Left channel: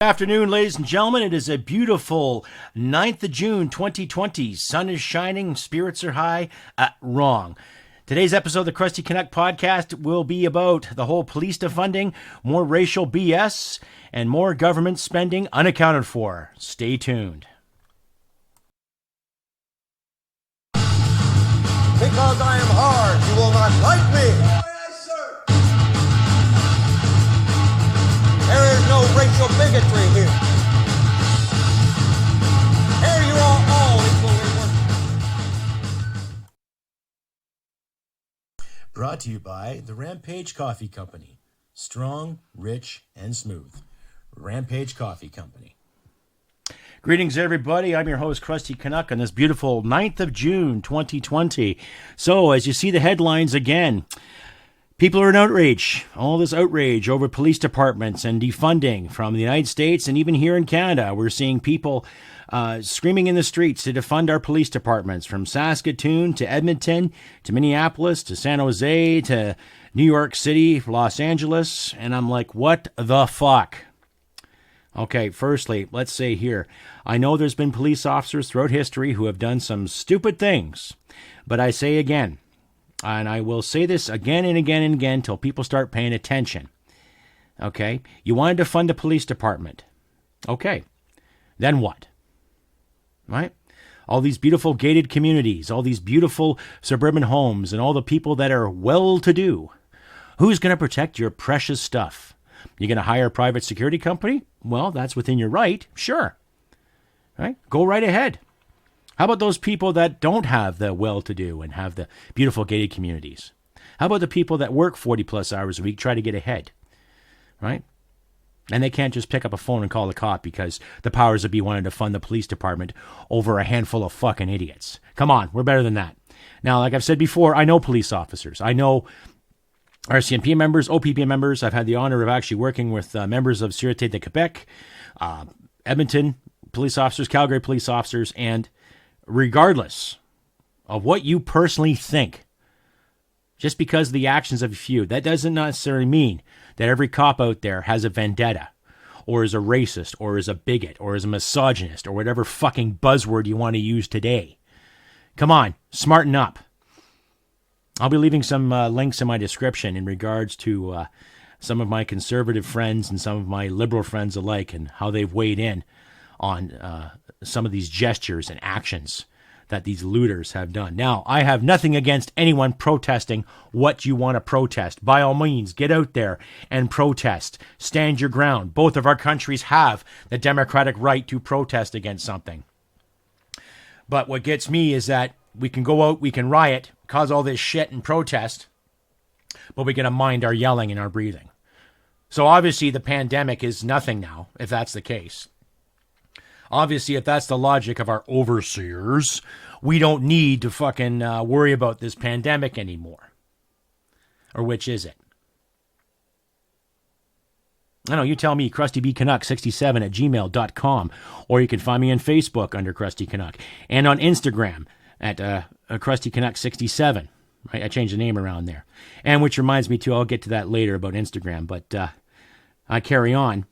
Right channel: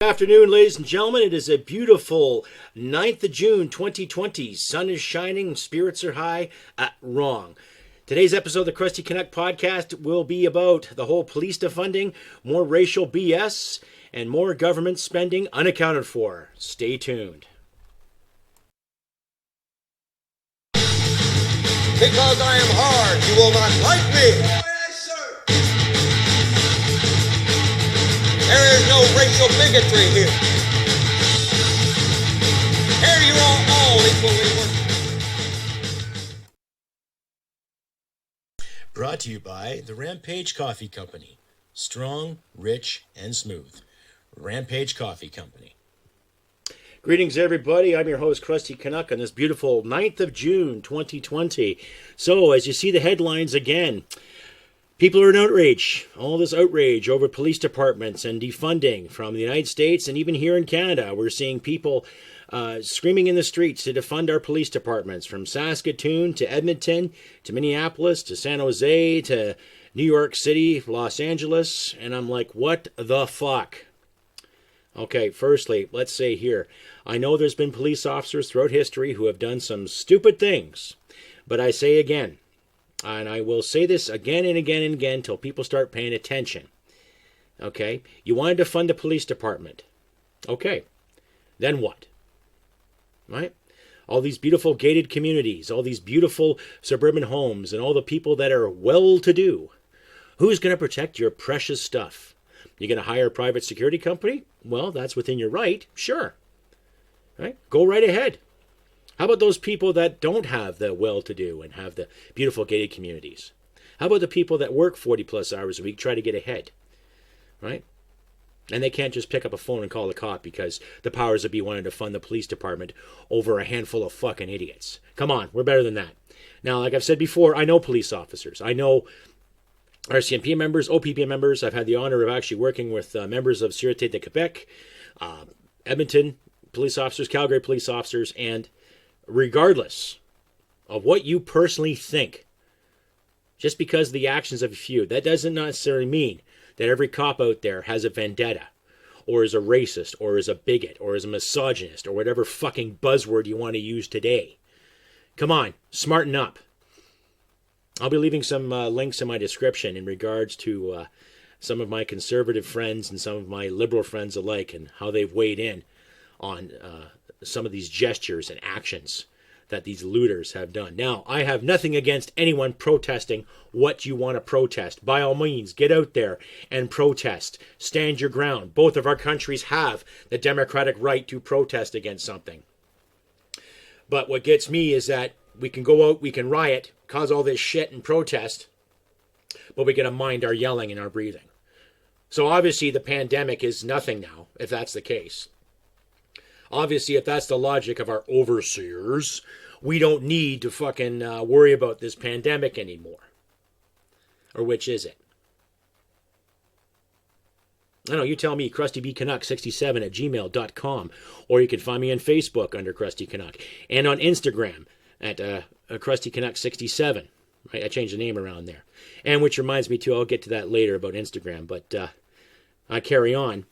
Good afternoon, ladies and gentlemen. It is a beautiful 9th of June, 2020. Sun is shining, spirits are high. Wrong. Today's episode of the Crusty Canuck podcast will be about the whole police defunding, more racial BS, and more government spending unaccounted for. Stay tuned. Because I am hard, you will not like me. There is no racial bigotry here. Here you are all equally worthless. Brought to you by the Rampage Coffee Company. Strong, rich, and smooth. Rampage Coffee Company. Greetings, everybody. I'm your host, Crusty Canuck, on this beautiful 9th of June, 2020. So, as you see the headlines again, people are in outrage. All this outrage over police departments and defunding from the United States and even here in Canada. We're seeing people screaming in the streets to defund our police departments, from Saskatoon to Edmonton to Minneapolis to San Jose to New York City, Los Angeles. And I'm like, what the fuck? Okay, firstly, let's say here, I know there's been police officers throughout history who have done some stupid things, but I say again, and I will say this again and again and again till people start paying attention. Okay? You wanted to fund a police department. Okay. Then what? Right? All these beautiful gated communities, all these beautiful suburban homes, and all the people that are well-to-do. Who's going to protect your precious stuff? You're going to hire a private security company? Well, that's within your right. Sure. Right? Go right ahead. How about those people that don't have the well-to-do and have the beautiful gated communities? How about the people that work 40-plus hours a week, try to get ahead, right? And they can't just pick up a phone and call the cop because the powers that be wanted to fund the police department over a handful of fucking idiots. Come on, we're better than that. Now, like I've said before, I know police officers. I know RCMP members, OPP members. I've had the honor of actually working with members of Sûreté de Québec, Edmonton police officers, Calgary police officers, and regardless of what you personally think, just because of the actions of a few, that doesn't necessarily mean that every cop out there has a vendetta, or is a racist, or is a bigot, or is a misogynist, or whatever fucking buzzword you want to use today. Come on, smarten up. I'll be leaving some links in my description in regards to some of my conservative friends and some of my liberal friends alike, and how they've weighed in on some of these gestures and actions that these looters have done. Now, I have nothing against anyone protesting what you want to protest. By all means, get out there and protest. Stand your ground. Both of our countries have the democratic right to protest against something. But what gets me is that we can go out, we can riot, cause all this shit and protest, but we got to mind our yelling and our breathing. So obviously the pandemic is nothing now, if that's the case. Obviously, if that's the logic of our overseers, we don't need to fucking worry about this pandemic anymore. Or which is it? I don't know, you tell me, CrustyBCanuck67@gmail.com. Or you can find me on Facebook under Crusty Canuck. And on Instagram at CrustyCanuck67. Right? I changed the name around there. And which reminds me, too, I'll get to that later about Instagram. But I carry on.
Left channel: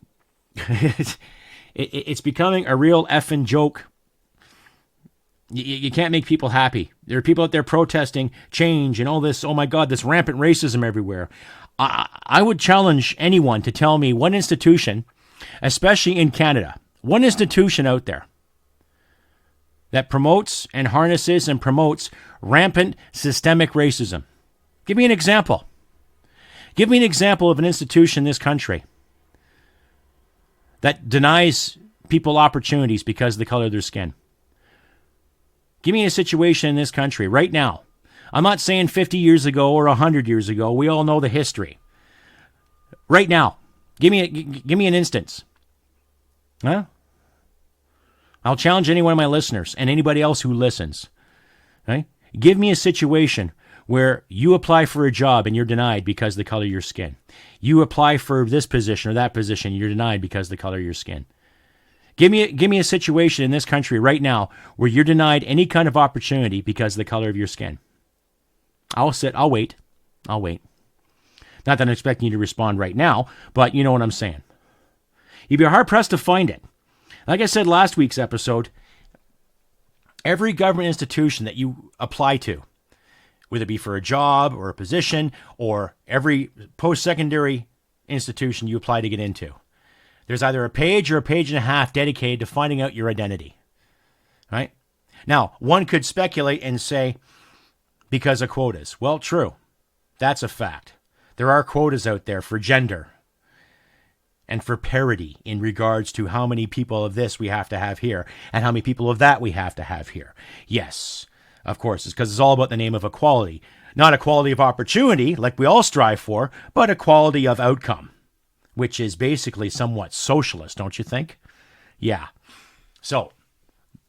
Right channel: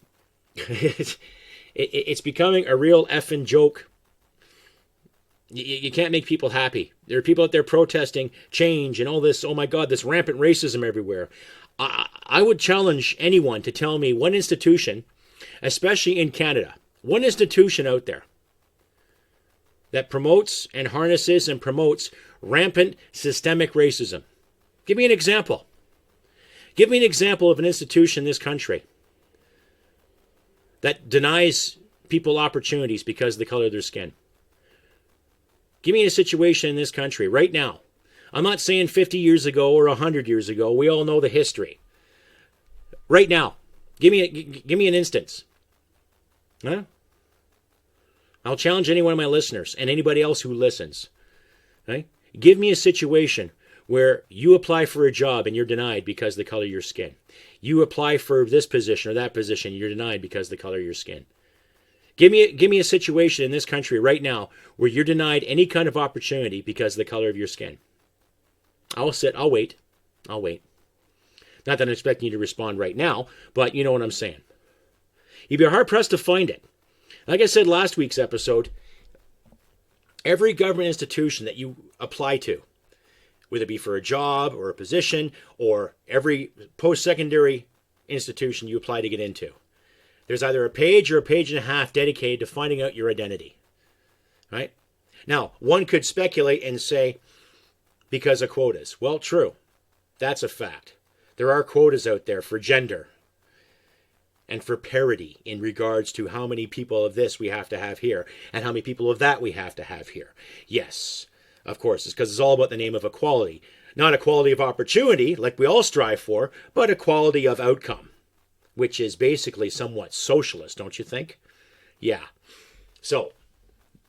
It's becoming a real effing joke. You can't make people happy. There are people out there protesting change and all this, oh my God, this rampant racism everywhere. I would challenge anyone to tell me one institution, especially in Canada, one institution out there that promotes and harnesses and promotes rampant systemic racism. Give me an example. Give me an example of an institution in this country that denies people opportunities because of the color of their skin. Give me a situation in this country right now. I'm not saying 50 years ago or 100 years ago. We all know the history. Right now, give me an instance. Huh? I'll challenge any one of my listeners and anybody else who listens. Right? Give me a situation where you apply for a job and you're denied because of the color of your skin. You apply for this position or that position, you're denied because of the color of your skin. Give me a situation in this country right now where you're denied any kind of opportunity because of the color of your skin. I'll wait. Not that I'm expecting you to respond right now, but you know what I'm saying. You'd be hard-pressed to find it. Like I said last week's episode, every government institution that you apply to, whether it be for a job or a position or every post-secondary institution you apply to get into, there's either a page or a page and a half dedicated to finding out your identity. Right? Now, one could speculate and say, because of quotas. Well, true. That's a fact. There are quotas out there for gender and for parity in regards to how many people of this we have to have here and how many people of that we have to have here. Yes, of course, it's because it's all about the name of equality. Not equality of opportunity, like we all strive for, but equality of outcome, which is basically somewhat socialist, don't you think? Yeah. So,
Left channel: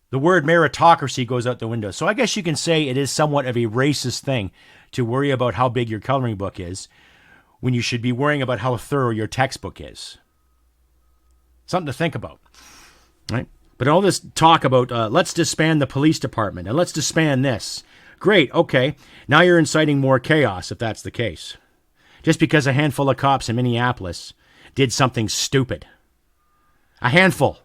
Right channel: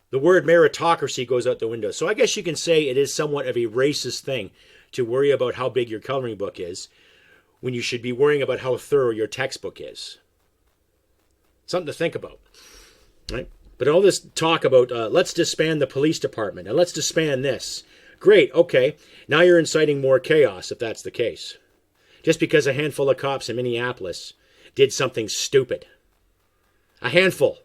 the word meritocracy goes out the window. So I guess you can say it is somewhat of a racist thing to worry about how big your coloring book is when you should be worrying about how thorough your textbook is. Something to think about, right? But all this talk about let's disband the police department and let's disband this. Great, okay. Now you're inciting more chaos if that's the case. Just because a handful of cops in Minneapolis did something stupid. A handful.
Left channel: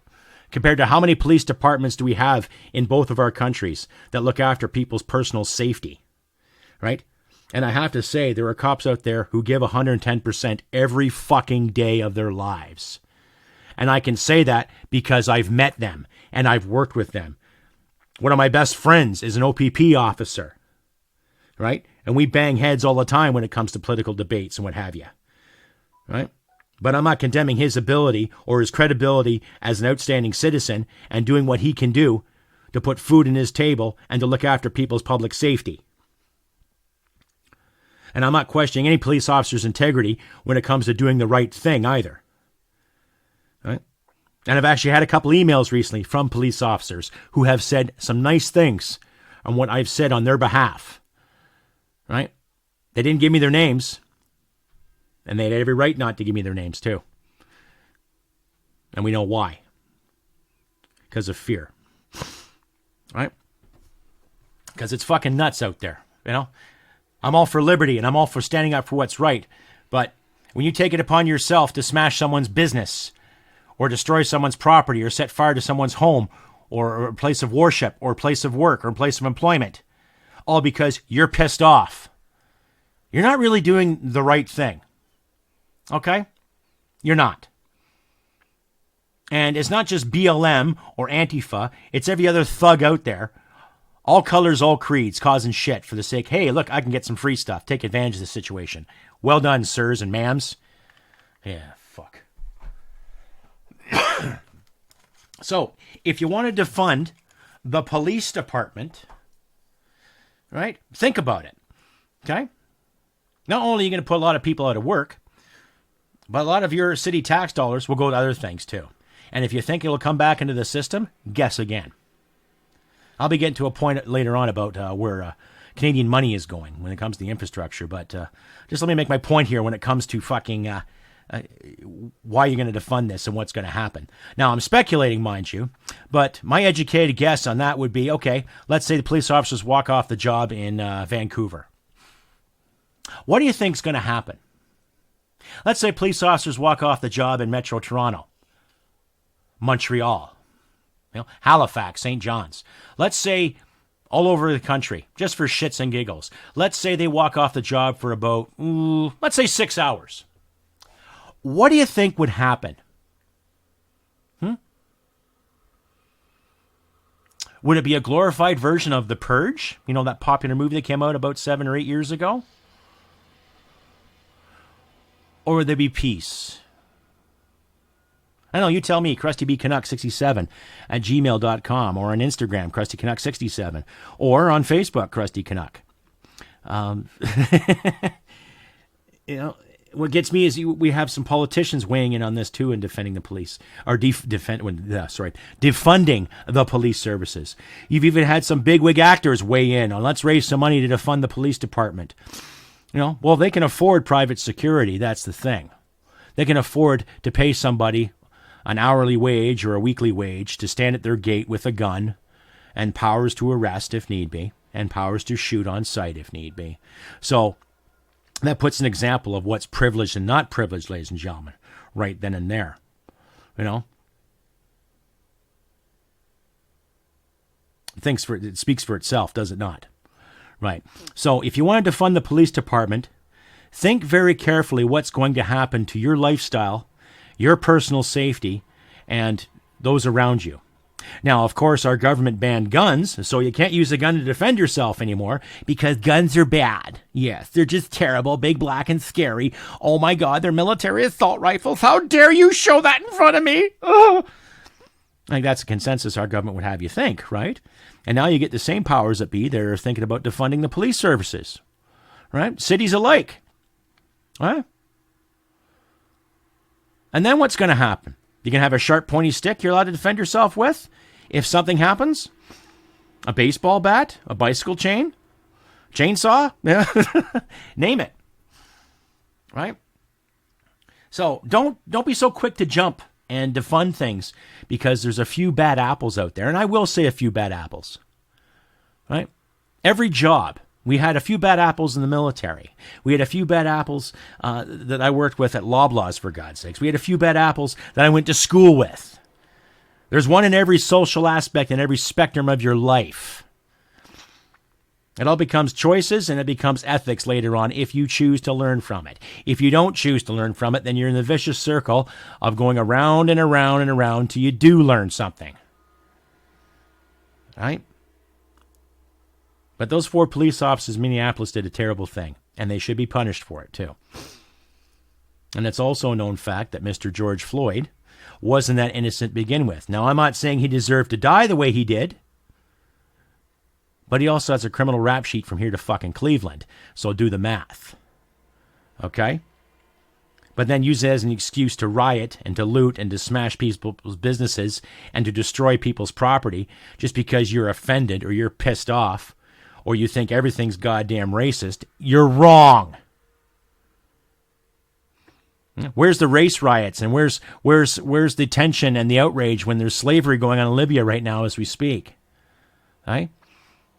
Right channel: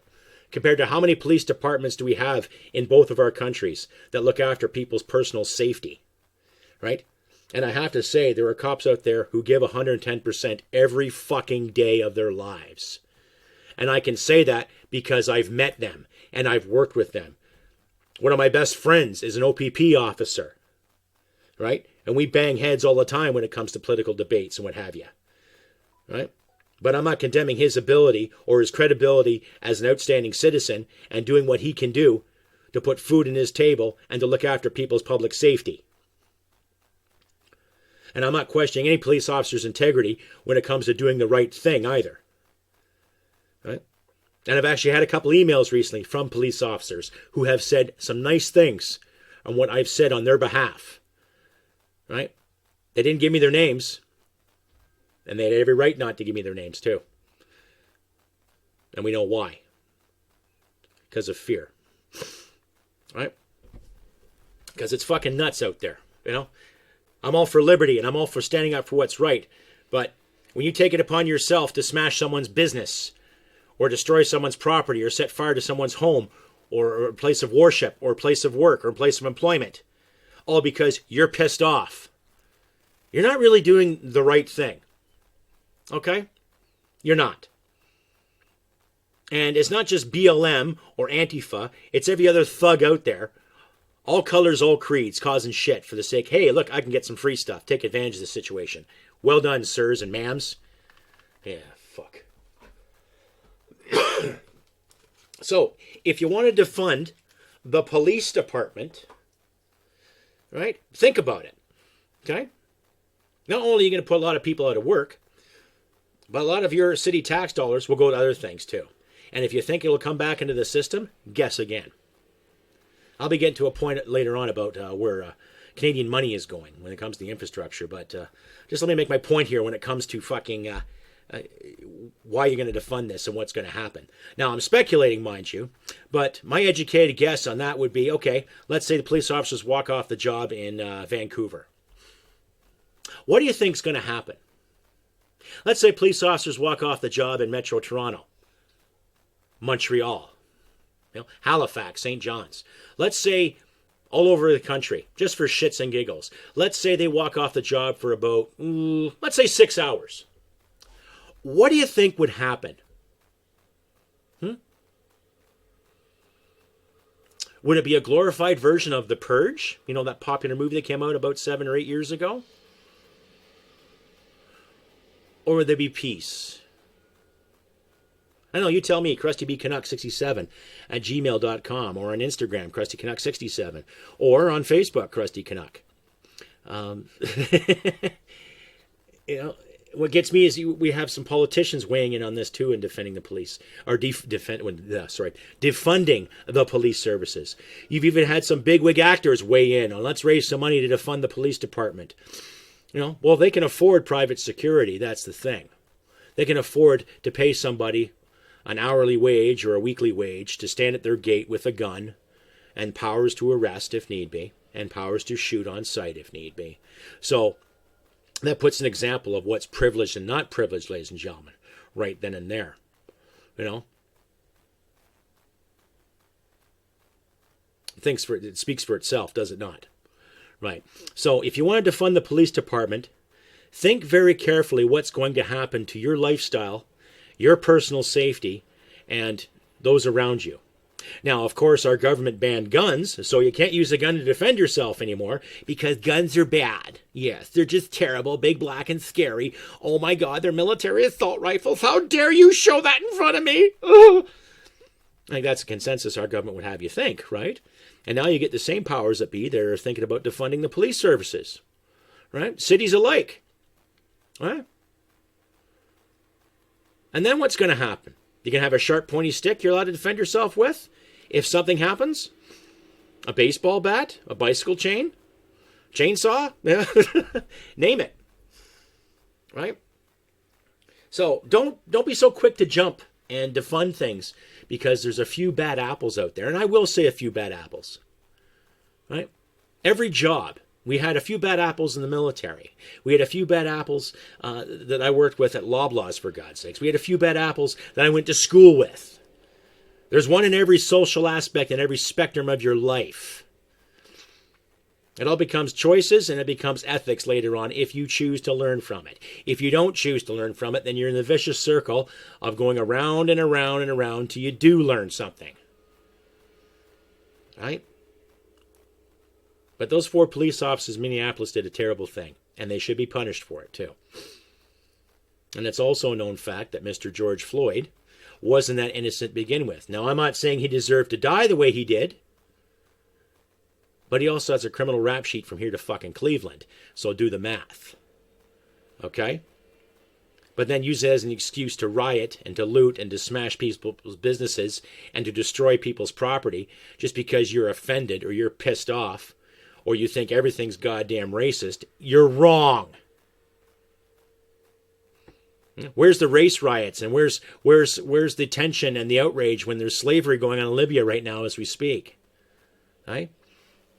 Compared to how many police departments do we have in both of our countries that look after people's personal safety, right? And I have to say, there are cops out there who give 110% every fucking day of their lives. And I can say that because I've met them and I've worked with them. One of my best friends is an OPP officer, right? And we bang heads all the time when it comes to political debates and what have you, right? But I'm not condemning his ability or his credibility as an outstanding citizen and doing what he can do to put food in his table and to look after people's public safety. And I'm not questioning any police officer's integrity when it comes to doing the right thing either. Right? And I've actually had a couple emails recently from police officers who have said some nice things on what I've said on their behalf. Right? They didn't give me their names. And they had every right not to give me their names, too. And we know why. Because of fear. Right? Because it's fucking nuts out there, you know? I'm all for liberty, and I'm all for standing up for what's right. But when you take it upon yourself to smash someone's business, or destroy someone's property, or set fire to someone's home, or a place of worship, or a place of work, or a place of employment, all because you're pissed off, you're not really doing the right thing. Okay? You're not. And it's not just BLM or Antifa. It's every other thug out there. All colors, all creeds, causing shit for the sake, hey, look, I can get some free stuff. Take advantage of the situation. Well done, sirs and ma'ams. Yeah, fuck. So, if you want to defund the police department, right, think about it. Okay? Not only are you going to put a lot of people out of work, but a lot of your city tax dollars will go to other things too. And if you think it'll come back into the system, guess again. I'll be getting to a point later on about where Canadian money is going when it comes to the infrastructure. But just let me make my point here when it comes to fucking why you're going to defund this and what's going to happen. Now, I'm speculating, mind you, but my educated guess on that would be, okay, let's say the police officers walk off the job in Vancouver. What do you think is going to happen? Let's say police officers walk off the job in Metro Toronto, Montreal, Halifax, St. John's. Let's say all over the country, just for shits and giggles. Let's say they walk off the job for about, let's say 6 hours. What do you think would happen? Would it be a glorified version of The Purge? You know, that popular movie that came out about 7 or 8 years ago? Or would there be peace? I don't know, you tell me, CrustyBCanuck67 at gmail.com, or on Instagram, CrustyCanuck67, or on Facebook, CrustyCanuck. What gets me is we have some politicians weighing in on this too and defending the police, or defunding the police services. You've even had some bigwig actors weigh in on let's raise some money to defund the police department. Well, they can afford private security. That's the thing. They can afford to pay somebody an hourly wage or a weekly wage to stand at their gate with a gun and powers to arrest if need be and powers to shoot on sight if need be. So that puts an example of what's privileged and not privileged, ladies and gentlemen, right then and there. You know? It speaks for itself, does it not? Right. So if you want to defund the police department, think very carefully what's going to happen to your lifestyle, your personal safety, and those around you. Now, of course, our government banned guns, so you can't use a gun to defend yourself anymore because guns are bad. Yes, they're just terrible, big, black, and scary. Oh my God, they're military assault rifles. How dare you show that in front of me? Oh. Like that's a consensus our government would have you think, right? And now you get the same powers that be that are thinking about defunding the police services, right? Cities alike. Right? And then what's going to happen? You can have a sharp, pointy stick you're allowed to defend yourself with if something happens? A baseball bat? A bicycle chain? Chainsaw? Name it. Right? So don't be so quick to jump and defund things because there's a few bad apples out there. And I will say a few bad apples. Right? Every job. We had a few bad apples in the military. We had a few bad apples that I worked with at Loblaws, for God's sakes. We had a few bad apples that I went to school with. There's one in every social aspect and every spectrum of your life. It all becomes choices and it becomes ethics later on if you choose to learn from it. If you don't choose to learn from it, then you're in the vicious circle of going around and around and around till you do learn something. Right? But those 4 police officers in Minneapolis did a terrible thing, and they should be punished for it, too. And it's also a known fact that Mr. George Floyd wasn't that innocent to begin with. Now, I'm not saying he deserved to die the way he did, but he also has a criminal rap sheet from here to fucking Cleveland, so do the math. Okay? But then use it as an excuse to riot and to loot and to smash people's businesses and to destroy people's property just because you're offended or you're pissed off or you think everything's goddamn racist, you're wrong. Where's the race riots and where's the tension and the outrage when there's slavery going on in Libya right now as we speak? Right?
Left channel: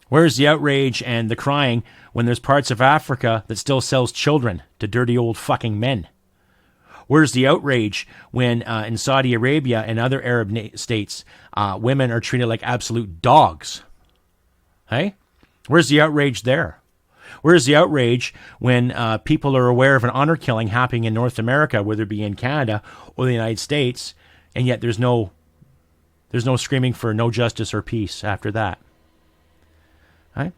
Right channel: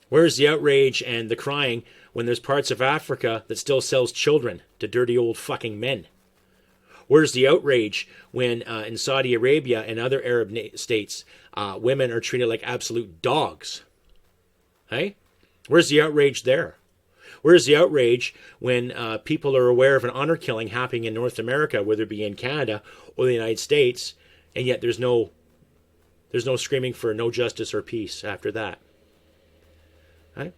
Where's the outrage and the crying when there's parts of Africa that still sells children to dirty old fucking men? Where's the outrage when in Saudi Arabia and other Arab states, women are treated like absolute dogs? Hey? Where's the outrage there? Where's the outrage when people are aware of an honor killing happening in North America, whether it be in Canada or the United States, and yet there's no screaming for no justice or peace after that? Right?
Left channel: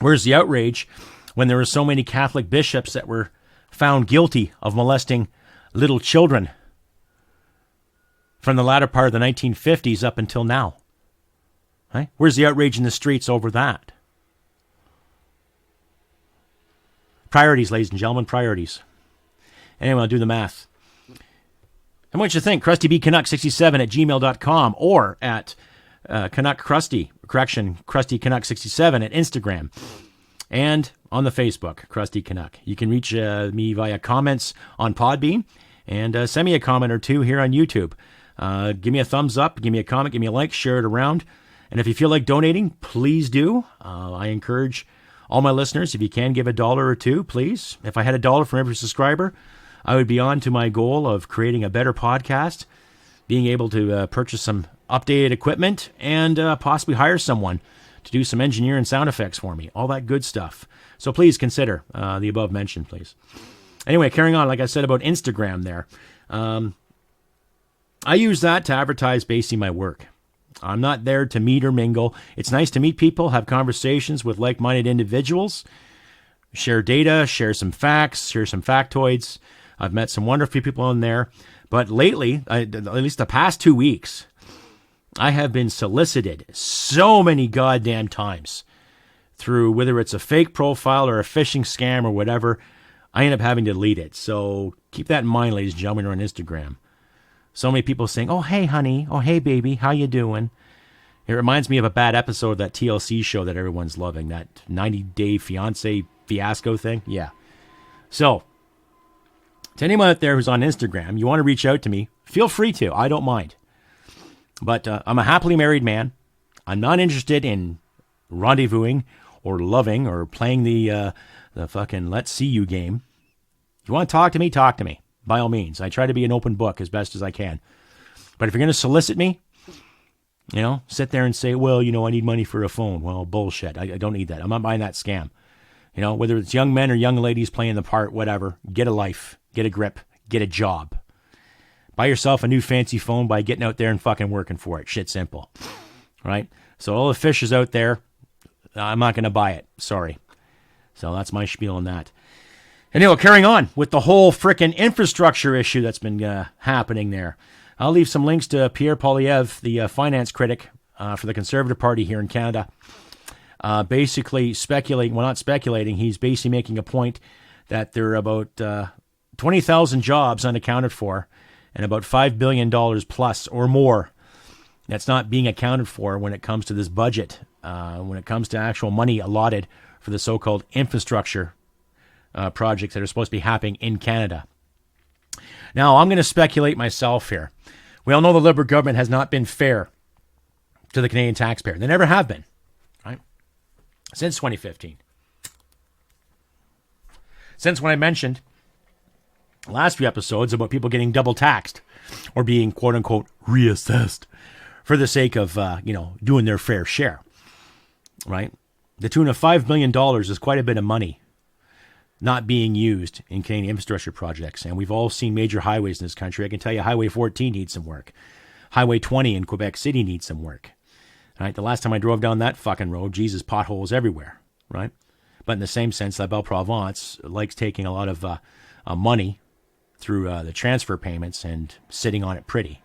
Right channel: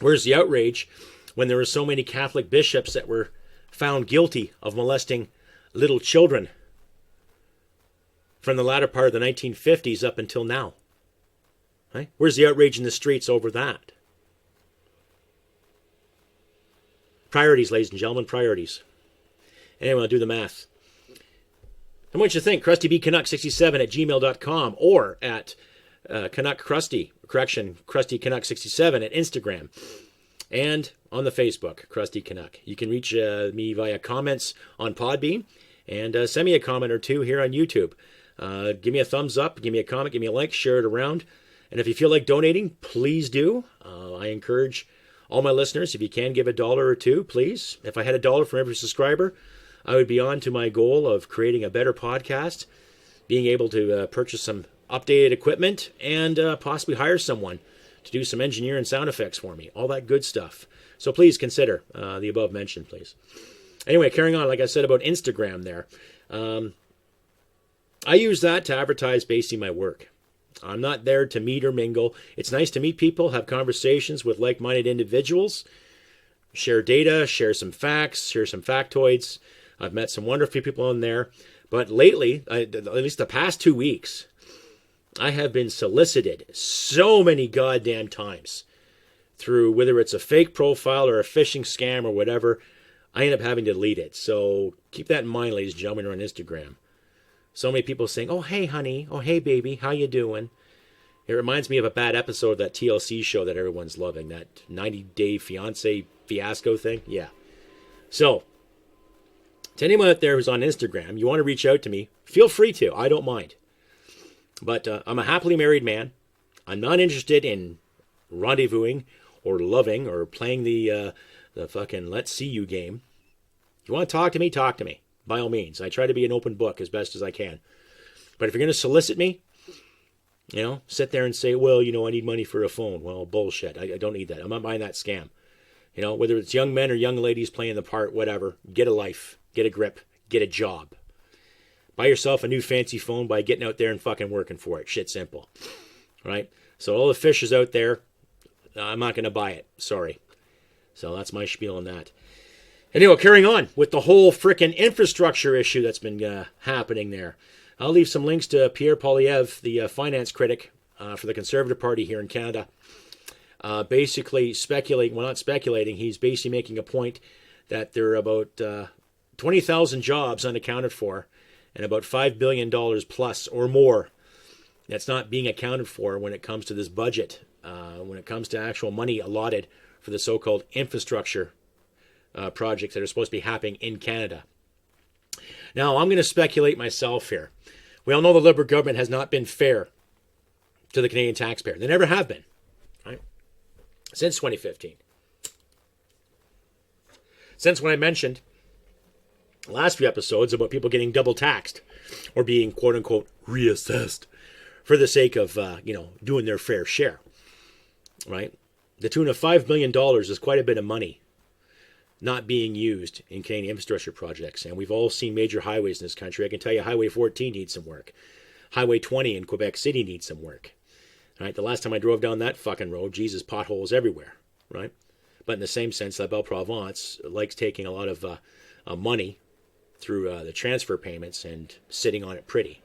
Where's the outrage when there were so many Catholic bishops that were found guilty of molesting little children from the latter part of the 1950s up until now? Right? Where's the outrage in the streets over that? Priorities, ladies and gentlemen, priorities. Anyway, I'll do the math. And what you think? CrustyBCanuck67@gmail.com or at CrustyCanuck67 at Instagram and on the Facebook, Crusty Canuck. You can reach me via comments on Podbean and send me a comment or two here on YouTube. Give me a thumbs up, give me a comment, give me a like, share it around. And if you feel like donating, please do. I encourage all my listeners, if you can, give $1 or $2, please. If I had $1 from every subscriber, I would be on to my goal of creating a better podcast, being able to purchase some updated equipment, and possibly hire someone to do some engineering sound effects for me. All that good stuff. So please consider the above mentioned, please. Anyway, carrying on, like I said about Instagram there. I use that to advertise basically my work. I'm not there to meet or mingle. It's nice to meet people, have conversations with like-minded individuals, share data, share some facts, share some factoids. I've met some wonderful people in there. But lately, at least the past 2 weeks, I have been solicited so many goddamn times through whether it's a fake profile or a phishing scam or whatever. I end up having to delete it. So keep that in mind, ladies and gentlemen, on Instagram. So many people saying, oh, hey, honey. Oh, hey, baby. How you doing? It reminds me of a bad episode of that TLC show that everyone's loving, that 90-Day Fiancé fiasco thing. Yeah. So, to anyone out there who's on Instagram, you want to reach out to me, feel free to. I don't mind. But I'm a happily married man. I'm not interested in rendezvousing or loving or playing the fucking let's see you game. If you want to talk to me, by all means. I try to be an open book as best as I can. But if you're going to solicit me, sit there and say, well, I need money for a phone. Well, bullshit. I don't need that. I'm not buying that scam. Whether it's young men or young ladies playing the part, whatever, get a life, get a grip, get a job. Buy yourself a new fancy phone by getting out there and fucking working for it. Shit simple. Right? So all the fishers out there, I'm not going to buy it. Sorry. So that's my spiel on that. Anyway, carrying on with the whole frickin' infrastructure issue that's been happening there. I'll leave some links to Pierre Poilievre, the finance critic for the Conservative Party here in Canada. Basically not speculating, he's basically making a point that there are about 20,000 jobs unaccounted for and about $5 billion plus or more that's not being accounted for when it comes to this budget, when it comes to actual money allotted for the so-called infrastructure projects that are supposed to be happening in Canada. Now, I'm going to speculate myself here. We all know the Liberal government has not been fair to the Canadian taxpayer. They never have been, right? Since 2015. Since when I mentioned last few episodes about people getting double taxed or being quote unquote reassessed for the sake of, doing their fair share, right? The tune of $5 million is quite a bit of money not being used in Canadian infrastructure projects. And we've all seen major highways in this country. I can tell you Highway 14 needs some work. Highway 20 in Quebec City needs some work. Right? The last time I drove down that fucking road, Jesus, potholes everywhere. Right? But in the same sense, La Belle Provence likes taking a lot of money through the transfer payments and sitting on it pretty.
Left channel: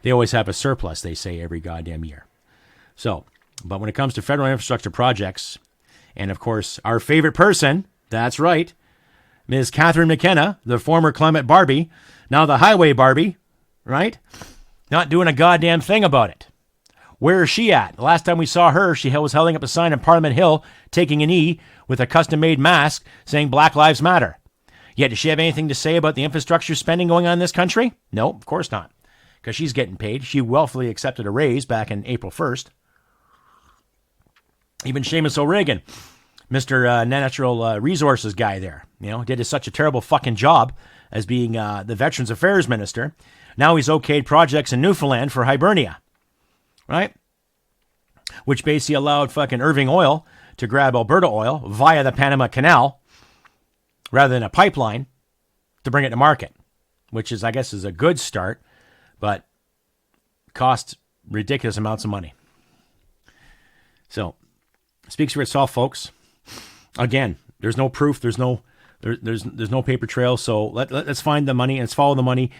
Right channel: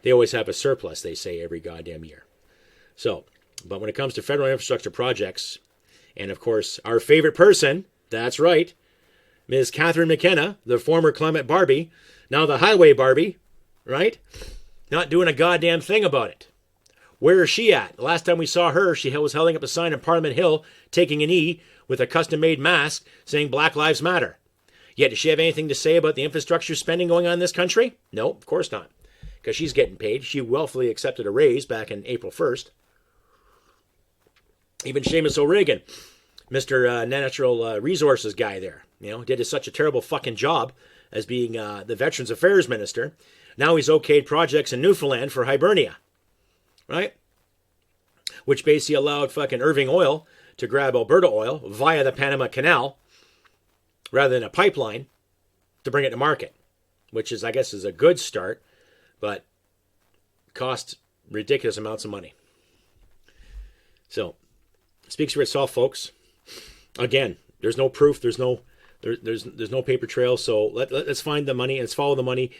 They always have a surplus, they say, every goddamn year. So, but when it comes to federal infrastructure projects, and of course, our favorite person, that's right, Ms. Catherine McKenna, the former Clement Barbie, now the Highway Barbie, right? Not doing a goddamn thing about it. Where is she at? The last time we saw her, she was holding up a sign on Parliament Hill, taking an E with a custom-made mask saying Black Lives Matter. Yet, does she have anything to say about the infrastructure spending going on in this country? No, of course not. Because she's getting paid. She wealthily accepted a raise back in April 1st. Even Seamus O'Regan, Mr. Natural Resources guy there, did such a terrible fucking job as being the Veterans Affairs Minister. Now he's okayed projects in Newfoundland for Hibernia, right? Which basically allowed fucking Irving Oil to grab Alberta oil via the Panama Canal rather than a pipeline to bring it to market, which is, I guess, is a good start, but costs ridiculous amounts of money. So, speaks for itself, folks. Again, there's no proof, there's no paper trail, so let's find the money, let's follow the money.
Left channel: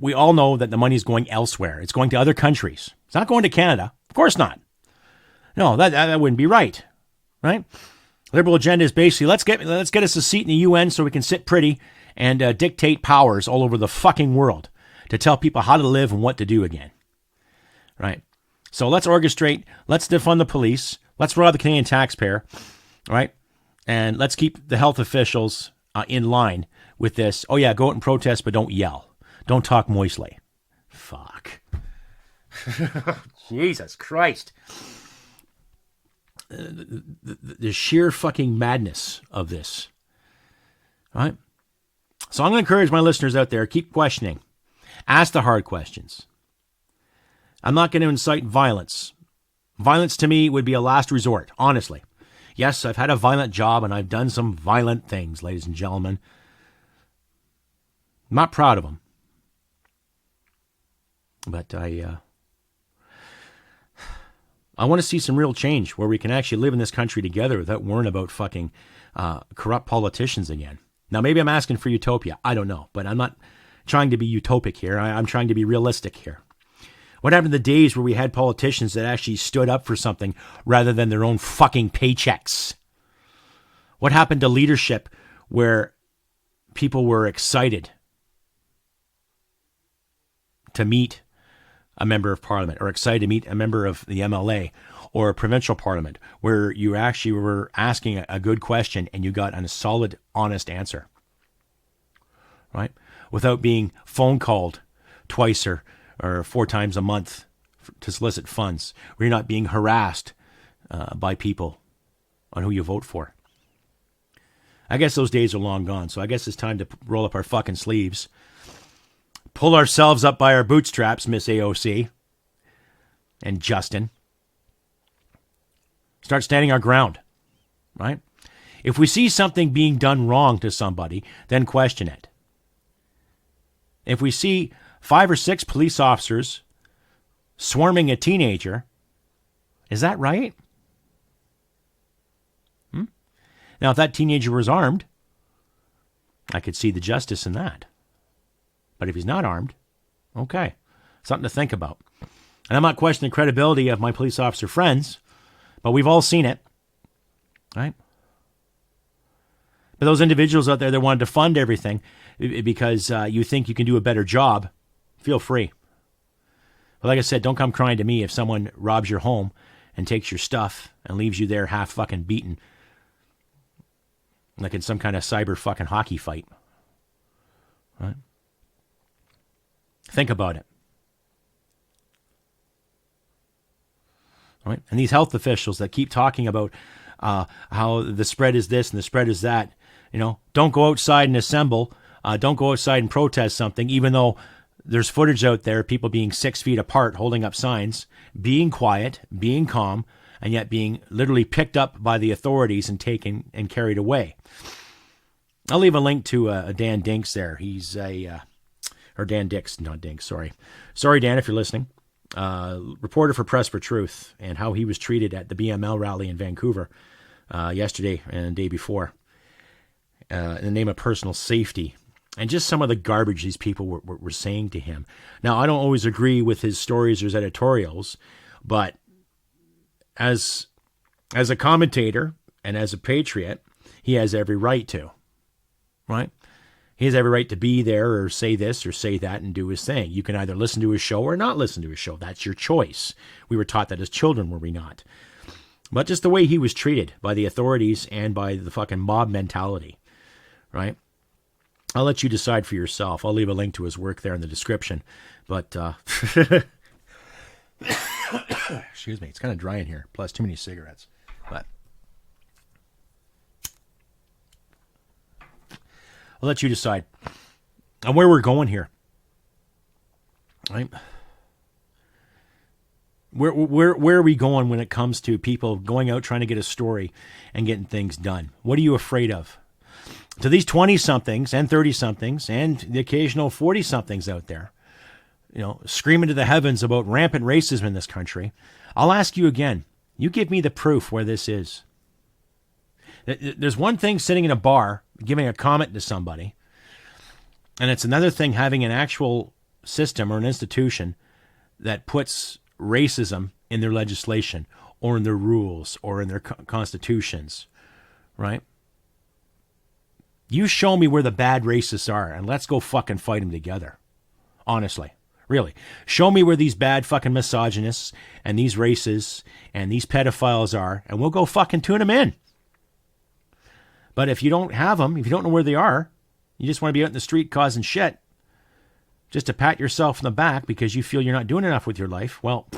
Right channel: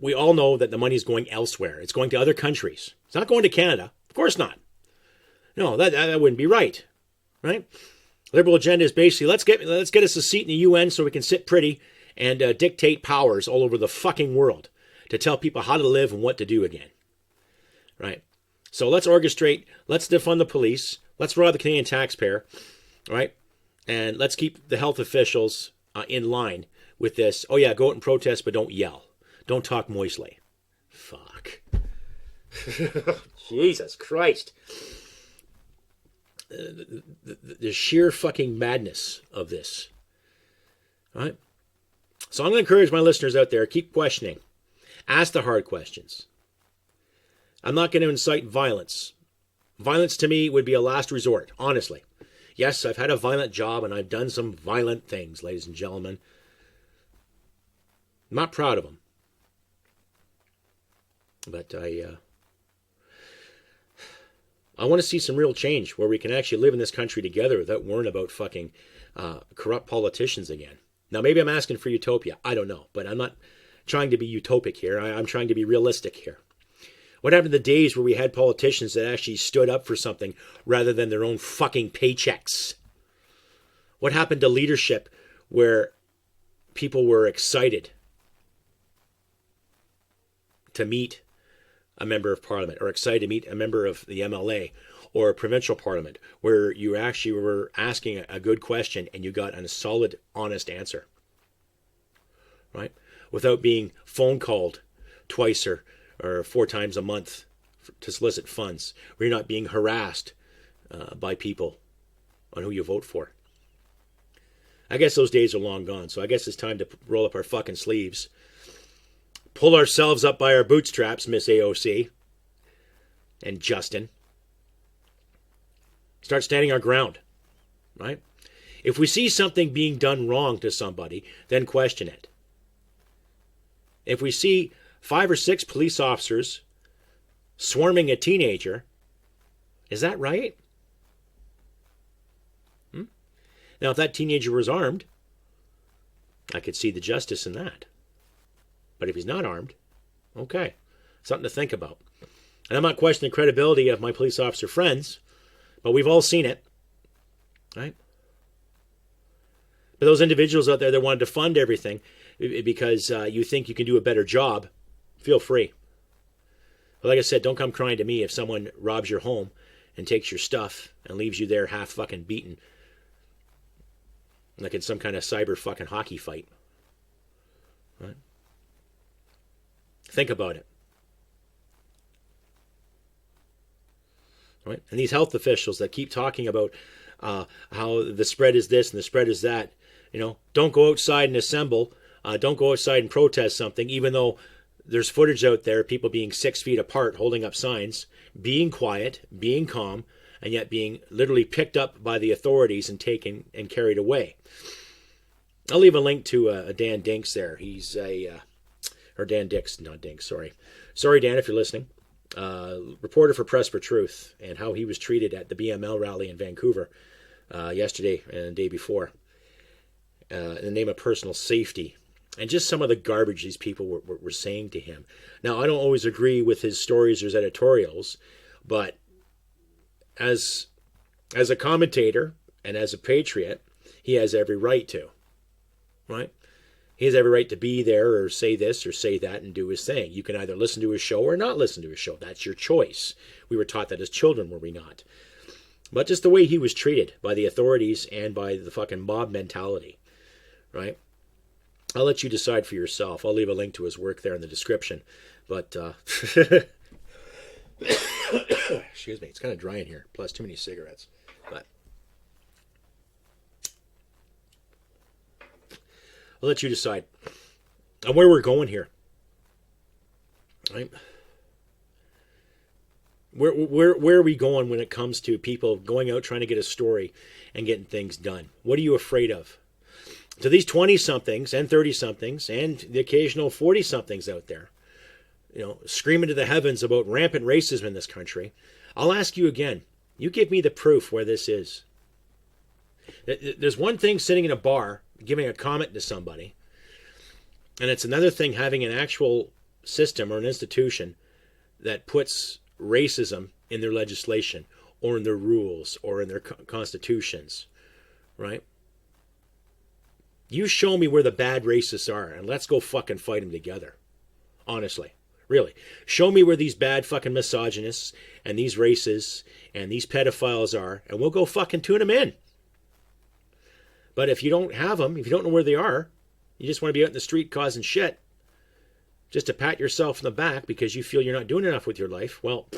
We all know that the money is going elsewhere. It's going to other countries. It's not going to Canada. Of course not. No, that wouldn't be right. Right? Liberal agenda is basically let's get us a seat in the UN so we can sit pretty and dictate powers all over the fucking world to tell people how to live and what to do again. Right? So let's orchestrate, let's defund the police, let's rob the Canadian taxpayer, right? And let's keep the health officials in line with this. Oh yeah, go out and protest, but don't yell. Don't talk moistly. Fuck. Jesus Christ. The sheer fucking madness of this. All right? So I'm going to encourage my listeners out there, keep questioning. Ask the hard questions. I'm not going to incite violence. Violence to me would be a last resort, honestly. Yes, I've had a violent job and I've done some violent things, ladies and gentlemen. I'm not proud of them. But I want to see some real change where we can actually live in this country together without worrying about fucking corrupt politicians again. Now, maybe I'm asking for utopia. I don't know. But I'm not trying to be utopic here. I'm trying to be realistic here. What happened to the days where we had politicians that actually stood up for something rather than their own fucking paychecks? What happened to leadership where people were excited to meet a member of parliament or excited to meet a member of the MLA or a provincial parliament where you actually were asking a good question and you got a solid, honest answer, right? Without being phone called twice or 4 times a month to solicit funds, where you're not being harassed by people on who you vote for. I guess those days are long gone, so I guess it's time to roll up our fucking sleeves, pull ourselves up by our bootstraps, Miss AOC and Justin. Start standing our ground, right? If we see something being done wrong to somebody, then question it. If we see 5 or 6 police officers swarming a teenager, is that right? Now, if that teenager was armed, I could see the justice in that. But if he's not armed, okay, something to think about. And I'm not questioning the credibility of my police officer friends, but we've all seen it, right? But those individuals out there that want to fund everything because you think you can do a better job, feel free. But like I said, don't come crying to me if someone robs your home and takes your stuff and leaves you there half fucking beaten, like in some kind of cyber fucking hockey fight. Right? Think about it. Right? And these health officials that keep talking about how the spread is this and the spread is that, don't go outside and assemble. Don't go outside and protest something, even though there's footage out there, people being 6 feet apart, holding up signs, being quiet, being calm, and yet being literally picked up by the authorities and taken and carried away. I'll leave a link to Dan Dinks there. He's or Dan Dix, not Dinks, sorry. Sorry, Dan, if you're listening. Reporter for Press for Truth, and how he was treated at the BML rally in Vancouver yesterday and the day before in the name of personal safety. And just some of the garbage these people were saying to him. Now, I don't always agree with his stories or his editorials, but as a commentator and as a patriot, he has every right to, right? He has every right to be there or say this or say that and do his thing. You can either listen to his show or not listen to his show. That's your choice. We were taught that as children, were we not? But just the way he was treated by the authorities and by the fucking mob mentality, right? I'll let you decide for yourself. I'll leave a link to his work there in the description. But, excuse me, it's kind of dry in here. Plus too many cigarettes. But I'll let you decide on where we're going here. Right? Where are we going when it comes to people going out trying to get a story and getting things done? What are you afraid of? To these 20-somethings and 30-somethings and the occasional 40-somethings out there, screaming to the heavens about rampant racism in this country, I'll ask you again, you give me the proof where this is. There's one thing sitting in a bar, giving a comment to somebody, and it's another thing having an actual system or an institution that puts racism in their legislation or in their rules or in their constitutions, right? You show me where the bad racists are, and let's go fucking fight them together. Honestly. Really. Show me where these bad fucking misogynists and these racists and these pedophiles are, and we'll go fucking tune them in. But if you don't have them, if you don't know where they are, you just want to be out in the street causing shit, just to pat yourself in the back because you feel you're not doing enough with your life, well,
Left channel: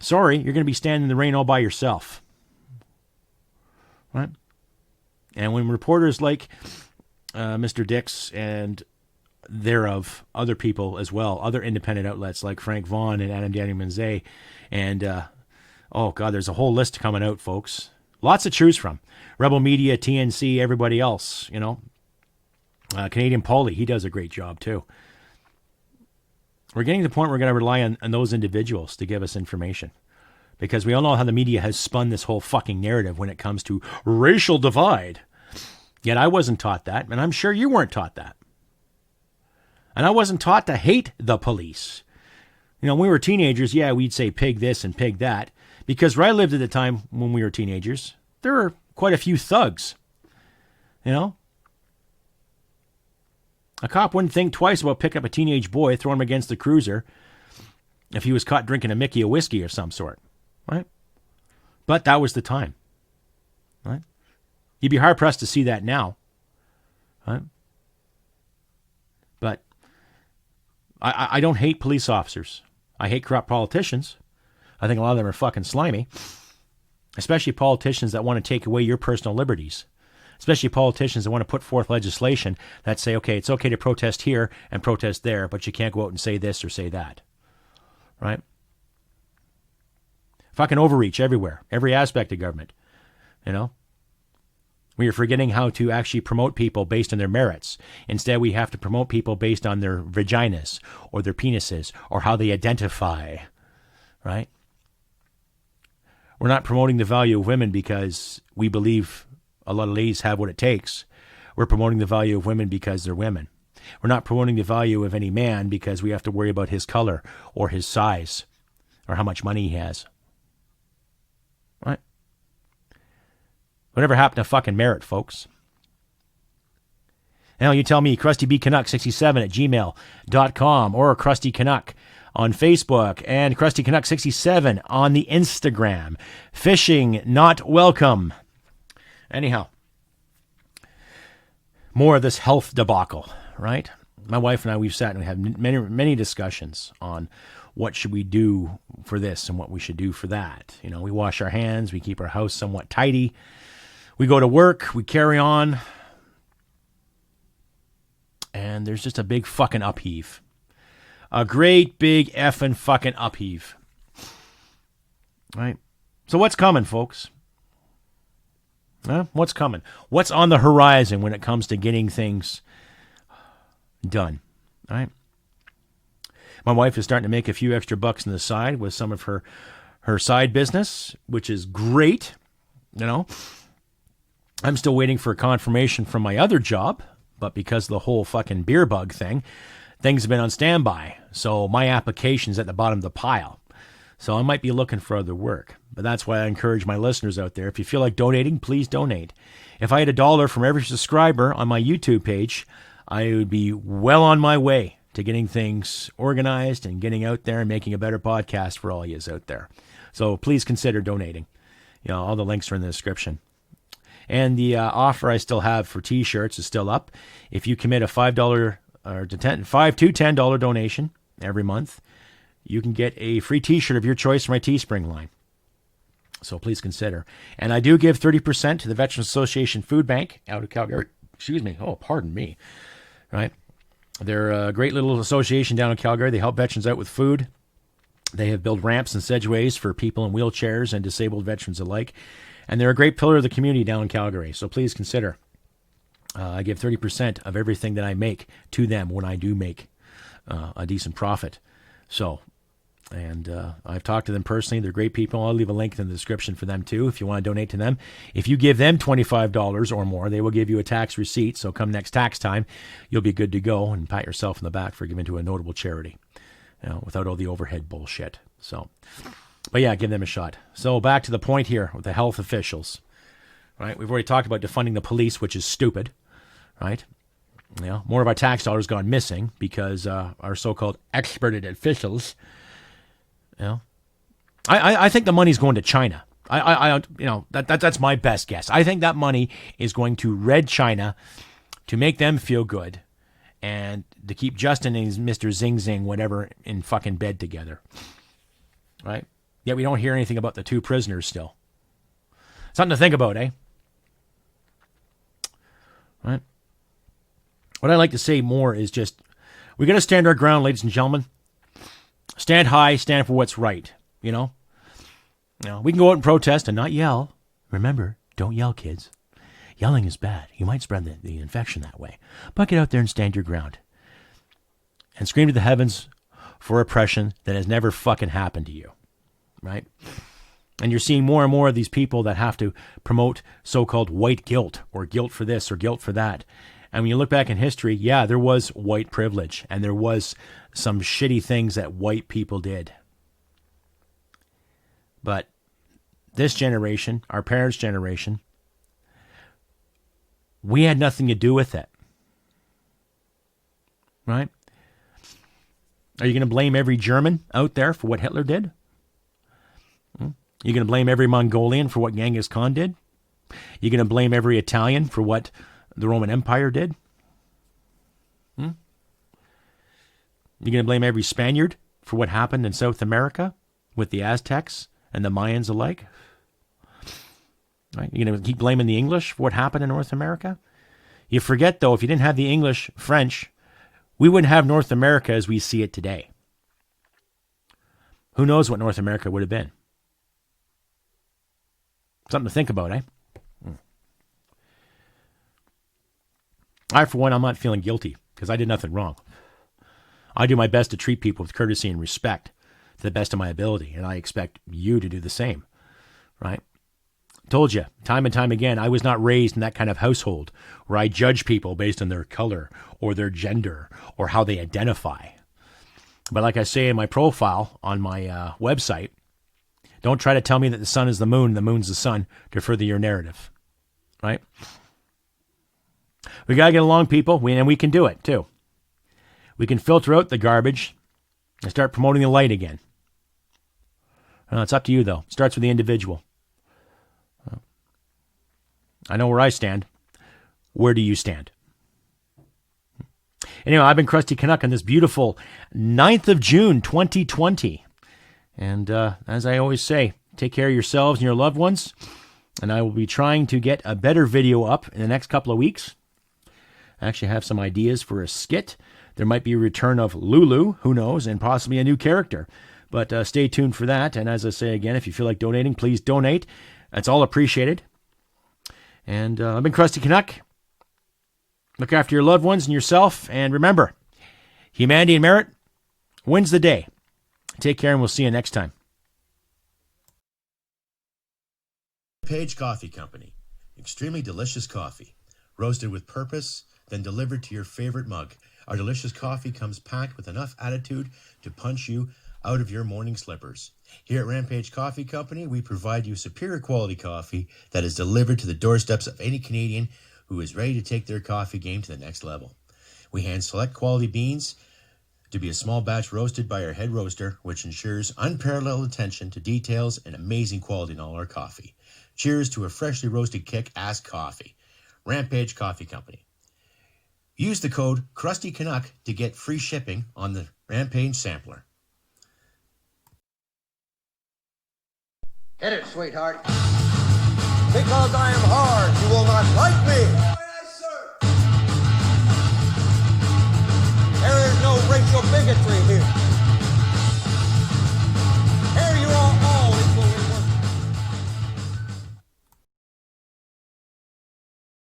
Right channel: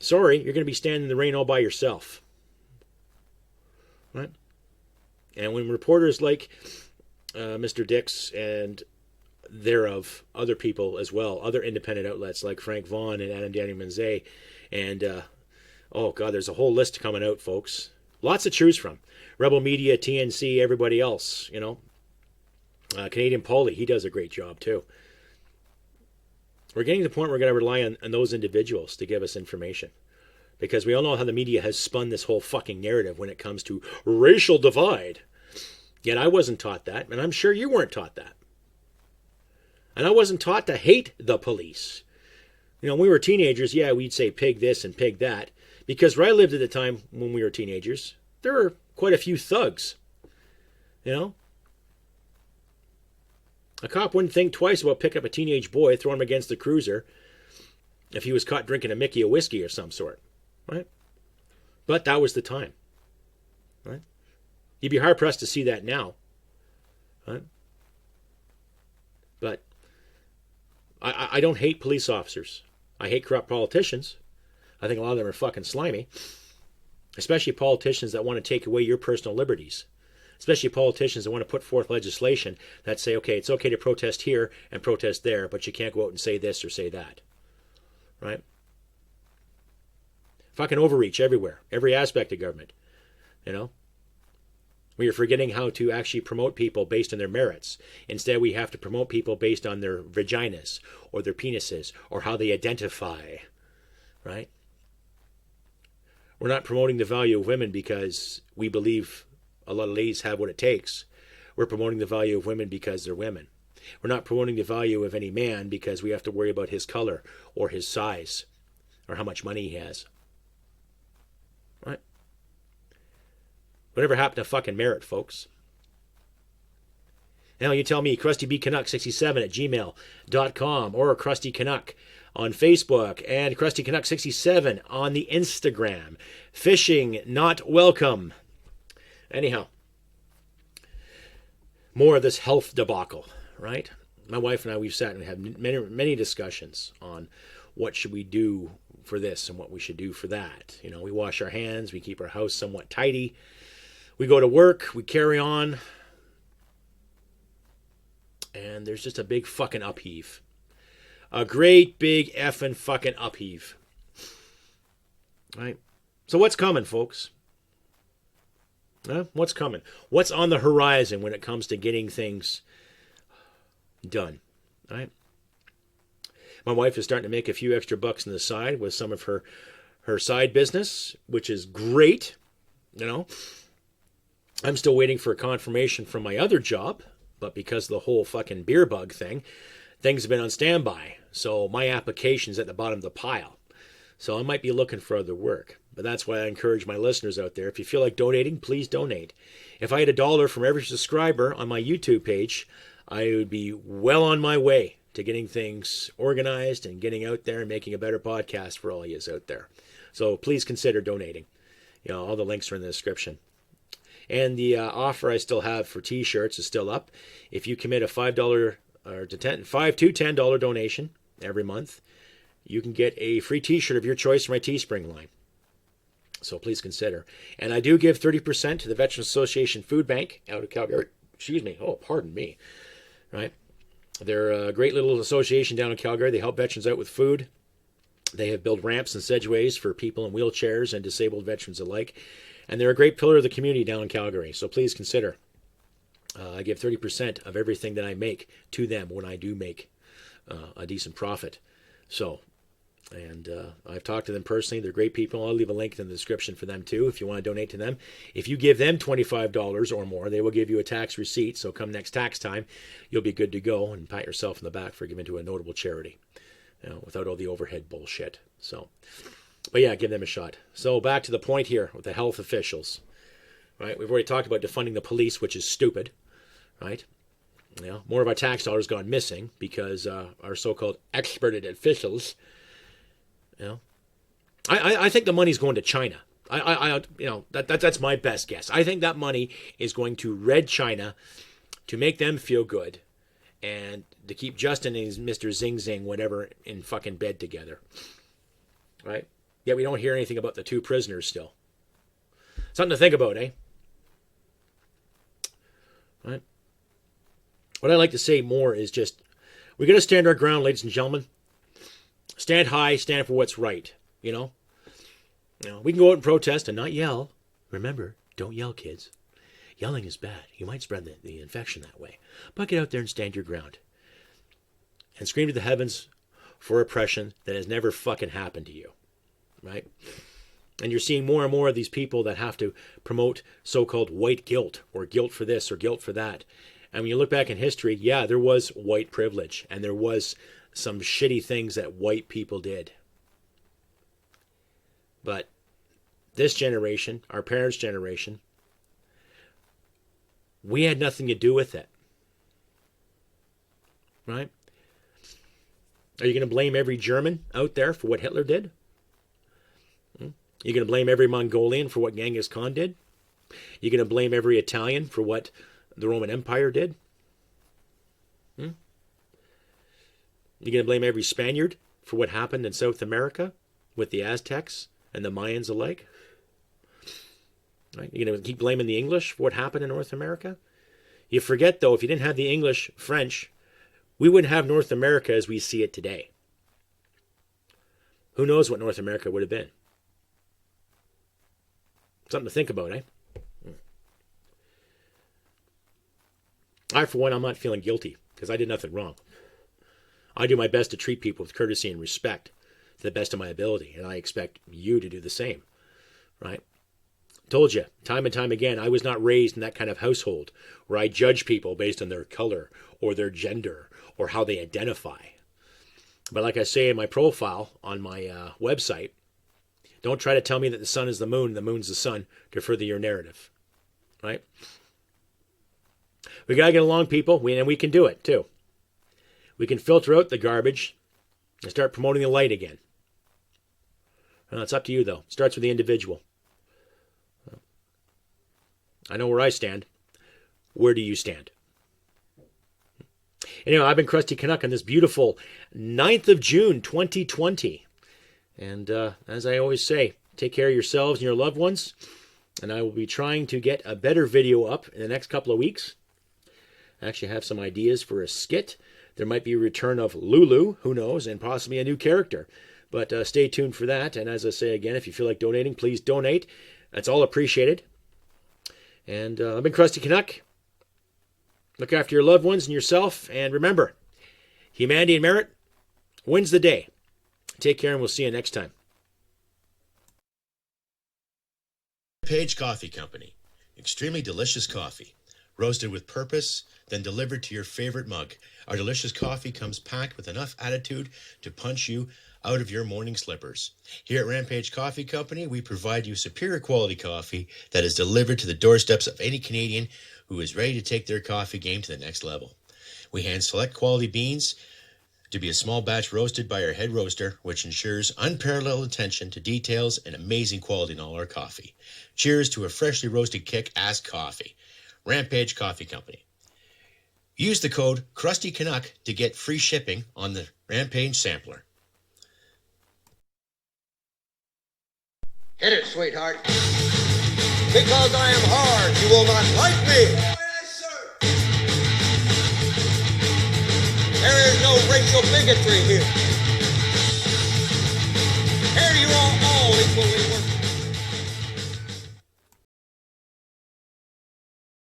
sorry, you're going to be standing in the rain all by yourself. Right? And when reporters like Mr. Dix and thereof, other people as well, other independent outlets like Frank Vaughn and Adam Daniel Manzay, and oh God, there's a whole list coming out, folks. Lots to choose from. Rebel Media, TNC, everybody else, Canadian Pauly, he does a great job too. We're getting to the point where we're going to rely on those individuals to give us information. Because we all know how the media has spun this whole fucking narrative when it comes to racial divide. Yet I wasn't taught that, and I'm sure you weren't taught that. And I wasn't taught to hate the police. When we were teenagers, yeah, we'd say pig this and pig that. Because where I lived at the time when we were teenagers, there were quite a few thugs. A cop wouldn't think twice about picking up a teenage boy, throwing him against the cruiser if he was caught drinking a Mickey of whiskey or some sort. Right? But that was the time. Right? You'd be hard-pressed to see that now. Right? But I don't hate police officers. I hate corrupt politicians. I think a lot of them are fucking slimy. Especially politicians that want to take away your personal liberties. especially politicians that want to put forth legislation that say, okay, it's okay to protest here and protest there, but you can't go out and say this or say that. Right? Fucking overreach everywhere, every aspect of government. You know? We are forgetting how to actually promote people based on their merits. Instead, we have to promote people based on their vaginas or their penises or how they identify. Right? We're not promoting the value of women because we believe a lot of ladies have what it takes. We're promoting the value of women because they're women. We're not promoting the value of any man because we have to worry about his color or his size or how much money he has. Right? Whatever happened to fucking merit, folks? Now you tell me, CrustyBCanuck67 at gmail.com or Crusty Canuck on Facebook and Crusty Canuck 67 on the Instagram. Fishing not welcome. Anyhow, more of this health debacle, right? My wife and I, we've sat and had many discussions on what should we do for this and what we should do for that. You know, we wash our hands, we keep our house somewhat tidy, we go to work, we carry on, and there's just a big fucking upheave. A great big effing fucking upheave. Right? So what's coming, folks? What's coming? What's on the horizon when it comes to getting things done? All right? My wife is starting to make a few extra bucks on the side with some of her side business, which is great. You know, I'm still waiting for a confirmation from my other job, but because of the whole fucking beer bug thing, things have been on standby. So my application's at the bottom of the pile. So I might be looking for other work. But that's why I encourage my listeners out there, if you feel like donating, please donate. If I had $1 from every subscriber on my YouTube page, I would be well on my way to getting things organized and getting out there and making a better podcast for all of you out there. So please consider donating. You know, all the links are in the description. And the offer I still have for T-shirts is still up. If you commit a $5 or to $10 donation every month, you can get a free T-shirt of your choice from my Teespring line. So please consider. And I do give 30% to the Veterans Association Food Bank out of Calgary. Excuse me. Oh, pardon me. Right? They're a great little association down in Calgary. They help veterans out with food. They have built ramps and sedgeways for people in wheelchairs and disabled veterans alike. And they're a great pillar of the community down in Calgary. So please consider. I give 30% of everything that I make to them when I do make a decent profit. So, and I've talked to them personally. They're great people. I'll leave a link in the description for them too if you want to donate to them. If you give them $25 or more, they will give you a tax receipt. So come next tax time, you'll be good to go and pat yourself in the back for giving to a notable charity, you know, without all the overhead bullshit. So, but yeah, give them a shot. So back to the point here with the health officials. Right? We've already talked about defunding the police, which is stupid. Right? You know, more of our tax dollars gone missing because our so-called experted officials. You know, I think the money's going to China. You know, that's my best guess. I think that money is going to Red China to make them feel good and to keep Justin and his Mr. Zing Zing whatever in fucking bed together. Right? Yet we don't hear anything about the 2 prisoners still. Something to think about, eh? Right? What I like to say more is just, we got to stand our ground, ladies and gentlemen. Stand high, stand for what's right, you know? You know, we can go out and protest and not yell. Remember, don't yell, kids. Yelling is bad. You might spread the infection that way. But get out there and stand your ground. And scream to the heavens for oppression that has never fucking happened to you. Right? And you're seeing more and more of these people that have to promote so-called white guilt or guilt for this or guilt for that. And when you look back in history, yeah, there was white privilege and there was some shitty things that white people did. But this generation, our parents' generation, we had nothing to do with it. Right? Are you going to blame every German out there for what Hitler did? You're going to blame every Mongolian for what Genghis Khan did? You're going to blame every Italian for what the Roman Empire did? You're going to blame every Spaniard for what happened in South America with the Aztecs and the Mayans alike? Right? You're going to keep blaming the English for what happened in North America? You forget, though, if you didn't have the English, French, we wouldn't have North America as we see it today. Who knows what North America would have been? Something to think about, eh? I, for one, I'm not feeling guilty because I did nothing wrong. I do my best to treat people with courtesy and respect to the best of my ability, and I expect you to do the same, right? Told you, time and time again, I was not raised in that kind of household where I judge people based on their color or their gender or how they identify. But like I say in my profile on my website, don't try to tell me that the sun is the moon and the moon's the sun to further your narrative, right? We got to get along, people, and we can do it, too. We can filter out the garbage and start promoting the light again. Well, it's up to you, though. It starts with the individual. I know where I stand. Where do you stand? Anyway, I've been Crusty Canuck on this beautiful 9th of June, 2020. And as I always say, take care of yourselves and your loved ones. And I will be trying to get a better video up in the next couple of weeks. I actually have some ideas for a skit. There might be a return of Lulu, who knows, and possibly a new character. But stay tuned for that. And as I say again, if you feel like donating, please donate. That's all appreciated. And I've been Crusty Canuck. Look after your loved ones and yourself. And remember, humanity and merit wins the day. Take care, and we'll see you next time. Rampage Coffee Company. Extremely delicious coffee. Roasted with purpose, then delivered to your favorite mug. Our delicious coffee comes packed with enough attitude to punch you out of your morning slippers. Here at Rampage Coffee Company, we provide you superior quality coffee that is delivered to the doorsteps of any Canadian who is ready to take their coffee game to the next level. We hand select quality beans to be a small batch roasted by our head roaster, which ensures unparalleled attention to details and amazing quality in all our coffee. Cheers to a freshly roasted kick-ass coffee. Rampage Coffee Company. Use the code CRUSTYCANUCK to get free shipping on the Rampage sampler. Hit it, sweetheart. Because I am hard, you will not like me. Yes, sir. There is no racial bigotry here.